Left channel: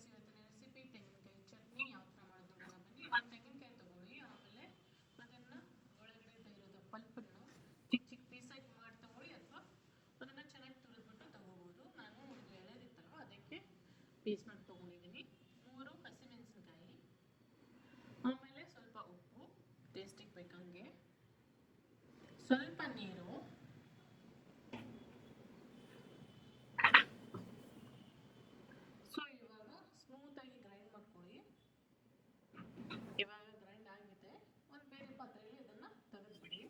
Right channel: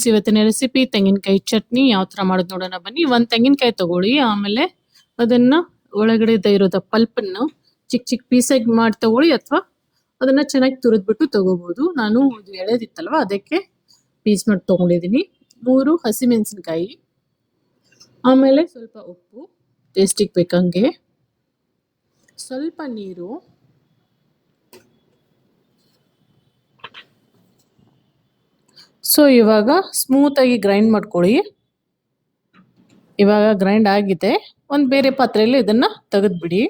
Friends, ಇವತ್ತಿನ recipe ತೆಂಗಿನಕಾಯಿ ಚಟ್ನಿ ಯಾವ ಥರ ಮಾಡೋದು ನೋಡೋಣ ಬನ್ನಿ. ಒಂದು ತೆಂಗಿನಕಾಯಿ ತಗೊಳ್ಳಿ, ಆಮೇಲೆ ಅದನ್ನು ಒಳಗಡೆ ಇರೋದ ಪಲ್ಪನ್ನು ಚಿಕ್ಕ ಚಿಕ್ಕ ಪೀಸಾಗಿ ಮಾಡಿ ತಗೊಳ್ಳಿ, ಅಥವಾ ಅದನ್ನು ಚೆನ್ನಾಗಿ ತುರಿದ್ಬಿಟ್ಟು ತಗೋಬೋದು. ನಾನು ಇದು ಎಳೆದಿತ್ತಲ್ವ ಅದಕ್ಕೆ ಪೀಸ್ ಮಾಡಿ ತೊಗೊಂಡಿದ್ದೀನಿ. 3 ಹಸಿಮೆಣಸಿನ್ಕಾಯಿ, ಆಮೇಲೆ ಸ್ವಲ್ಪ ಉಪ್ಪು ಟೇಸ್ಟಿಗೆ ಬೇಕಂಗೆ, ಸ್ವಲ್ಪ ನೀರು, ಸೊ ಇವಾಗ ಸ್ಮೂತಾಗಿ ಗ್ರೈಂಡ್ ಮಾಡ್ಕೊಳ್ಳಿ. ಇವಾಗ ಗ್ರೈಂಡ್ ಆಗಿದೆ. ಒಂದು ಬೇರೆ ಪಾತ್ರೆಯಲ್ಲಿ ಇದನ್ನು ತೆಗೆದುಬಿಡಿ.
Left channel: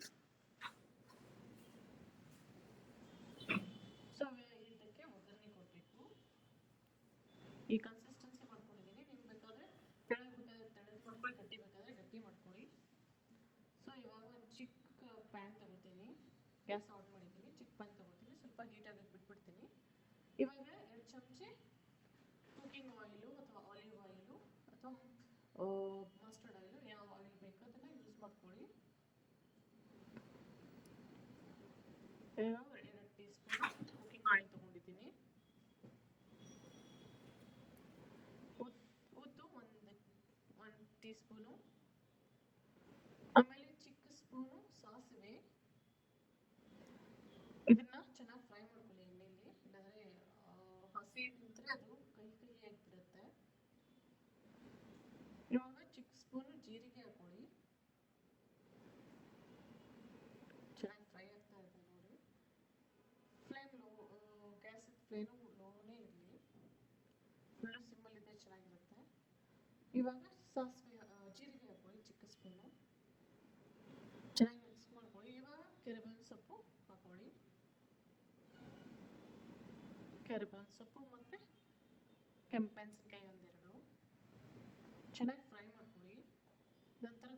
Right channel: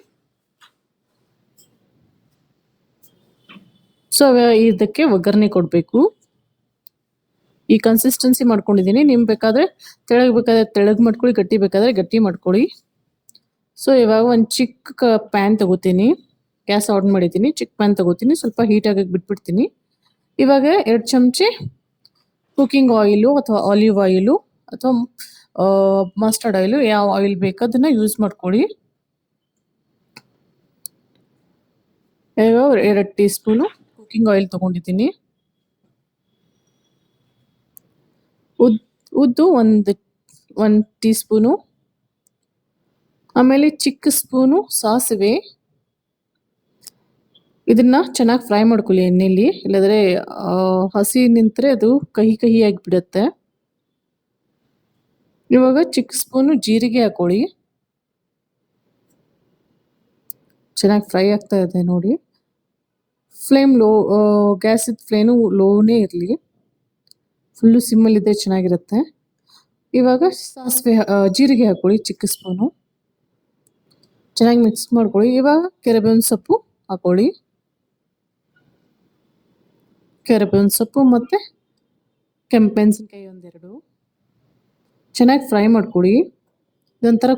ಸೊ ಇದಕ್ಕೆ ಒಗ್ಗರಣೆ ಕೊಡಬೇಕು. ಈ ಕನ್ಸಿಸ್ಟೆನ್ಸಿ ಮಾಡ್ಕೊಂಡಿದ್ದೀನಿ. ನಿಮ್ಗೆ ಬೇಕಾದರೆ ತೆಳಗೆ ಮಾಡ್ಕೊಳ್ಳಿ, ಗಟ್ಟಿ ಬೇಕಾದರೆ ಗಟ್ಟಿ ಮಾಡ್ಕೊಳ್ಳಿ. ಸೊ ಇವಾಗ ಒಂದು ಚಿಕ್ಕ ಪ್ಯಾನ್ ತಗೋತೀನಿ. ಗ್ಯಾಸ್ ಆನ್ ಮಾಡಿದ್ದೀನಿ. ಚಿಕ್ಕ ಪ್ಯಾನ್ ತಗೋತೀನಿ. ಸ್ವಲ್ಪ ಹೀಟಾಗಕ್ಕೆ ಬಿಟ್ಬಿಡ್ತೀನಿ. ಇವಾಗ 2 ಚಮಚೆ ಕುಕಿಂಗ್ ಆಯಿಲು ಅಥವಾ ಆಲಿವ್ ಆಯಿಲು ಅಥವಾ ಮಸ್ಟರ್ಡ್ ಆಯಿಲು, ಯಾವ ಆಯಿಲ್ ಬೇಕೋ ಅದನ್ನು ಯೂಸ್ ಮಾಡ್ಕೊಳ್ಳಿ. ಇವಾಗ 2 ಟೀ ಸ್ಪೂನು ಕುಕಿಂಗ್ ಆಯಿಲ್ ತೊಗೊಂಡಿದ್ದೀನಿ. ಉದ್ದು ಒಂದು ಟೀ ಸ್ಪೂನು, ಆಮೇಲೆ ಚಿಕ್ಕ ಸ್ಪೂನು ಸಾಸಿವೆ. ಇದನ್ನ ಚೆನ್ನಾಗಿ ಫ್ರೈ ಮಾಡ್ಕೊಳ್ಳಿ ಎಣ್ಣೆಯಲ್ಲಿ, ಇಲ್ಲದ್ರೆ ಹಸಿ ನಿಂತರೆ ಅದು ಕಹಿ ಆಗಿಬಿಡುತ್ತೆ. ಇವಾಗ ಚಿಕ್ಕ ಸ್ಪೂನು ಜೀರಿಗೆ ಹಾಕೊಳ್ಳಿ. ಚೆನ್ನಾಗಿ ಫ್ರೈ ಆಗ್ತಾ ಇದೆ ನೋಡಿ. ಫ್ಲೇಮ್ ಗ್ಯಾಸಿದ ಫ್ಲೇಮು ಲೋನೇ ಇರಲಿ, ಫುಲ್ಲು ಸಿಮ್ಮಲ್ಲಿದ್ದರೆ ಚೆನ್ನಾಗಿರುತ್ತೆ. ಇವಾಗ ಜೀರಿಗೆ ಹಾಕೊಳ್ಳಿ, ಚಿಕ್ಕ ಸ್ಪೂನು. ಚೆನ್ನಾಗಿ ಮಿಕ್ಸ್ ಮಾಡ್ಕೊಳ್ಳಿ. ಇವಾಗ ಕರಿಬೇವಿನ ಸೊಪ್ಪು ಹಾಕೊಳ್ಳಿ. ಕರಿಬೇವಿನ ಸೊಪ್ಪು ಮತ್ತು ಕೆಂಪೆಣಸಿನ್ಕಾಯಿ 1-2 ಚೆನ್ನಾಗಿ ಫ್ರೈ ಮಾಡ್ಕೊಳ್ಳಿ. ಇದೊಂಥರ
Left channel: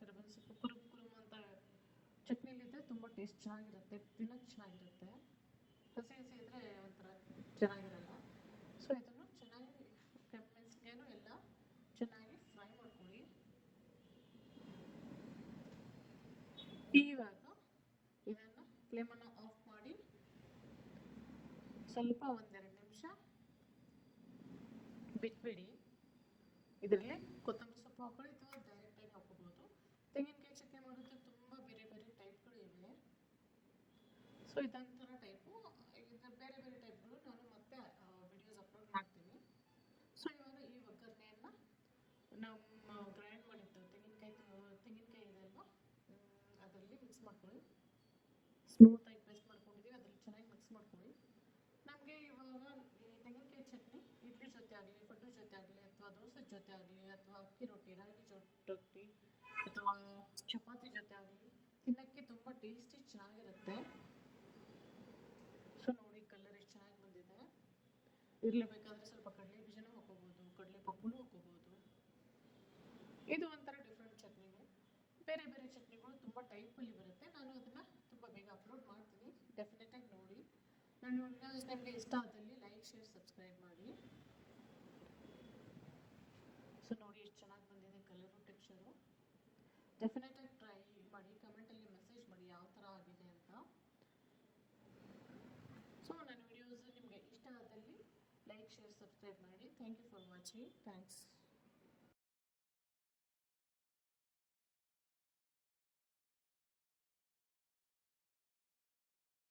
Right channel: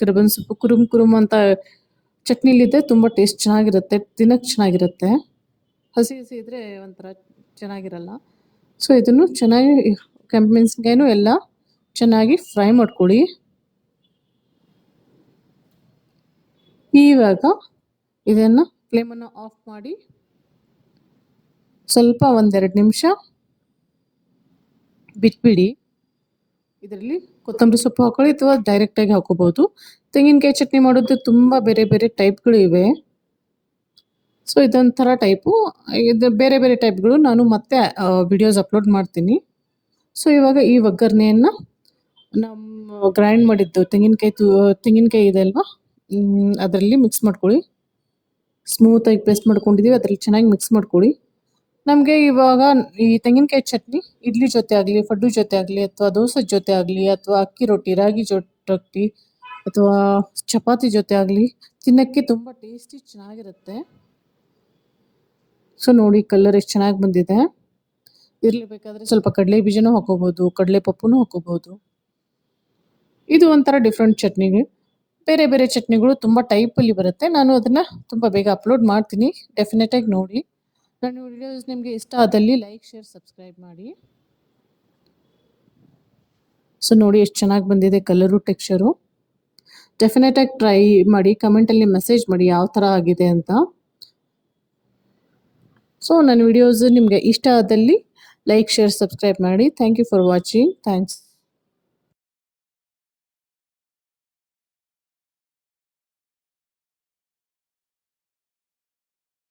ಕರಿಬೇವಿನ ಸೊಪ್ಪು ಕುರುಮ್ ಅಂತ ಚಟ್ನಿಲಿದ್ದರೆ ತುಂಬ ಟೇಸ್ಟ್ ಚೆನ್ನಾಗಿರುತ್ತೆ, ತಿನ್ನೋಕ್ಕೆ ಚೆನ್ನಾಗಿರುತ್ತೆ. ಹಸಿ ಇದ್ದರೆ ಒಂಥರ ಚೆನ್ನಾಗಿರಲ್ಲ. ಸೊ ಇದನ್ನು ಚೆನ್ನಾಗಿ ಕೆಂಪೆಣಸಿನ್ಕಾಯಿನೂ ಎಲ್ಲ ಚೆನ್ನಾಗಿ ಫ್ರೈ ಮಾಡ್ಕೊಳ್ಳಿ. ಇವಾಗ ಇದನ್ನು ಫ್ಲೇಮನ್ನು ಆಫ್ ಮಾಡಿ ಸ್ವಲ್ಪ 1-2 ನಿಮಿಷ ಬಿಟ್ಬಿಡಿ. ಇದರಲ್ಲಿ ಕೊತ್ತಂಬರಿ ಸೊಪ್ಪು ಹಾಕೊಳ್ಳಿ ಅಥವಾ ಡೈರೆಕ್ಟಾಗಿ ಹಾಕೋಬೋದು. ತೆಂಗಿನಕಾಯಿ ಚಟ್ನಿ ಮಾಡೋದು ತುಂಬ ಬೇರೆ ಬೇರೆ ಟೈಪ್ಗಳು ಇವೆ. ಸೊ ಇದೊಂಥರ ಟೈಪು. ಇದು ಬೇರೆ ಬೇರೆ ಟೈಪ್ಗಳು ನಾನು ಮತ್ತೆ ವಿಡಿಯೋಸ್ ಅಪ್ಲೋಡ್ ಮಾಡ್ತೀನಿ. ಸೊ ಇವಾಗ ಈ ಒಗ್ಗರಣೆಯನ್ನು ನಮ್ಮ ಗ್ರೈಂಡ್ ಮಾಡಿದ್ದು ತೆಂಗಿನಕಾಯಿ ಇದೆ ಅಲ್ವಾ, ಅದರಲ್ಲಿ ಮಿಕ್ಸ್ ಮಾಡ್ಕೊಳ್ಳಿ. ಸ್ಮೂತಾಗಿ ಪೇಸ್ಟ್ ಮಾಡ್ಕೊಂಡಿದ್ದೀವಿ, ಅದರಲ್ಲಿ ಚೆನ್ನಾಗಿ ಮಿಕ್ಸ್ ಮಾಡ್ಕೊಳ್ಳಿ. ನಮಗೆ ಇವಾಗ ಈ ತೆಂಗಿನಕಾಯಿ ಚಟ್ನಿ ಇಡ್ಲಿ ಜೊತೆ ಆಗಲಿ, ಪಡ್ಡು ಜೊತೆ ಆಗಲಿ, ಅಥವಾ ದೋಸೆ ಜೊತೆ ಆಗಲಿ, ಅಥವಾ ಅಕ್ಕಿ ರೊಟ್ಟಿ, ರಾಗಿ ರೊಟ್ಟಿ, ಅಥವಾ ಚಪಾತಿ ಜೊತೆ ಆಗಲಿ ತಿನ್ನೋಕ್ಕೆ ತುಂಬ ಟೇಸ್ಟಿ ಚೆನ್ನಾಗಿರುತ್ತೆ. ಸೊ ನೋಡಿ ಕಲರ್ ಎಷ್ಟು ಚೆನ್ನಾಗಿ ಬಂದಿದೆ. ಇದರಲ್ಲಿ ಬೇಕಾದರೆ ಸ್ವಲ್ಪ ಕಡಲೆ ಬೀಜನೂ ಹಾಕೋಬೋದು, ಕಡಲೆ ಪಪ್ಪುನೂ ಹಾಕೋಬೋದು. ಇದು ಒಂಥರ ಡಿಫ್ರೆಂಟ್ ಚಟ್ನಿಗೆ. ಬೇರೆ ಬೇರೆ ಚಟ್ನಿಗಳು ತುಂಬ ಟೈಪಲ್ಲಿ ಬರುತ್ತೆ. ನಾನು ಅದನ್ನು ತುಂಬ ಬೇಗ ಅಪ್ಲೋಡ್ ಮಾಡ್ತೀನಿ, ಡೆಫಿನೆಟಾಗಿ ನೋಡಿ. ನನ್ನ ವಿಡಿಯೋಸ್ ನಿಮಗೆ ಇಷ್ಟ ಆದಲ್ಲಿ ಲೈಕ್, ಶೇರ್, ಸಬ್ಸ್ಕ್ರೈಬ್ ಮಾಡಿ. ಸೊ ನೋಡಿ ಎಷ್ಟು ಚೆನ್ನಾಗಿ ಬಂದಿದೆ ಕಲರು, ಟೆಕ್ಸ್ಚರು. ಡೆಫಿನೆಟಾಗಿ ಟ್ರೈ ಮಾಡಿ, ಕಮೆಂಟಲ್ಲಿ ಮೆಸೇಜ್ ಮಾಡಿ ಯಾವ ಥರ ಆಗಿದೆ ಅಂತ. ಸೊ ನನ್ನ ವಿಡಿಯೋಸ್ ನಿಮಗೆ ಇಷ್ಟ ಆದಲ್ಲಿ ಲೈಕ್, ಶೇರ್, ಸಬ್ಸ್ಕ್ರೈಬ್ ಮಾಡಿ. Thank you for watching. Thanks.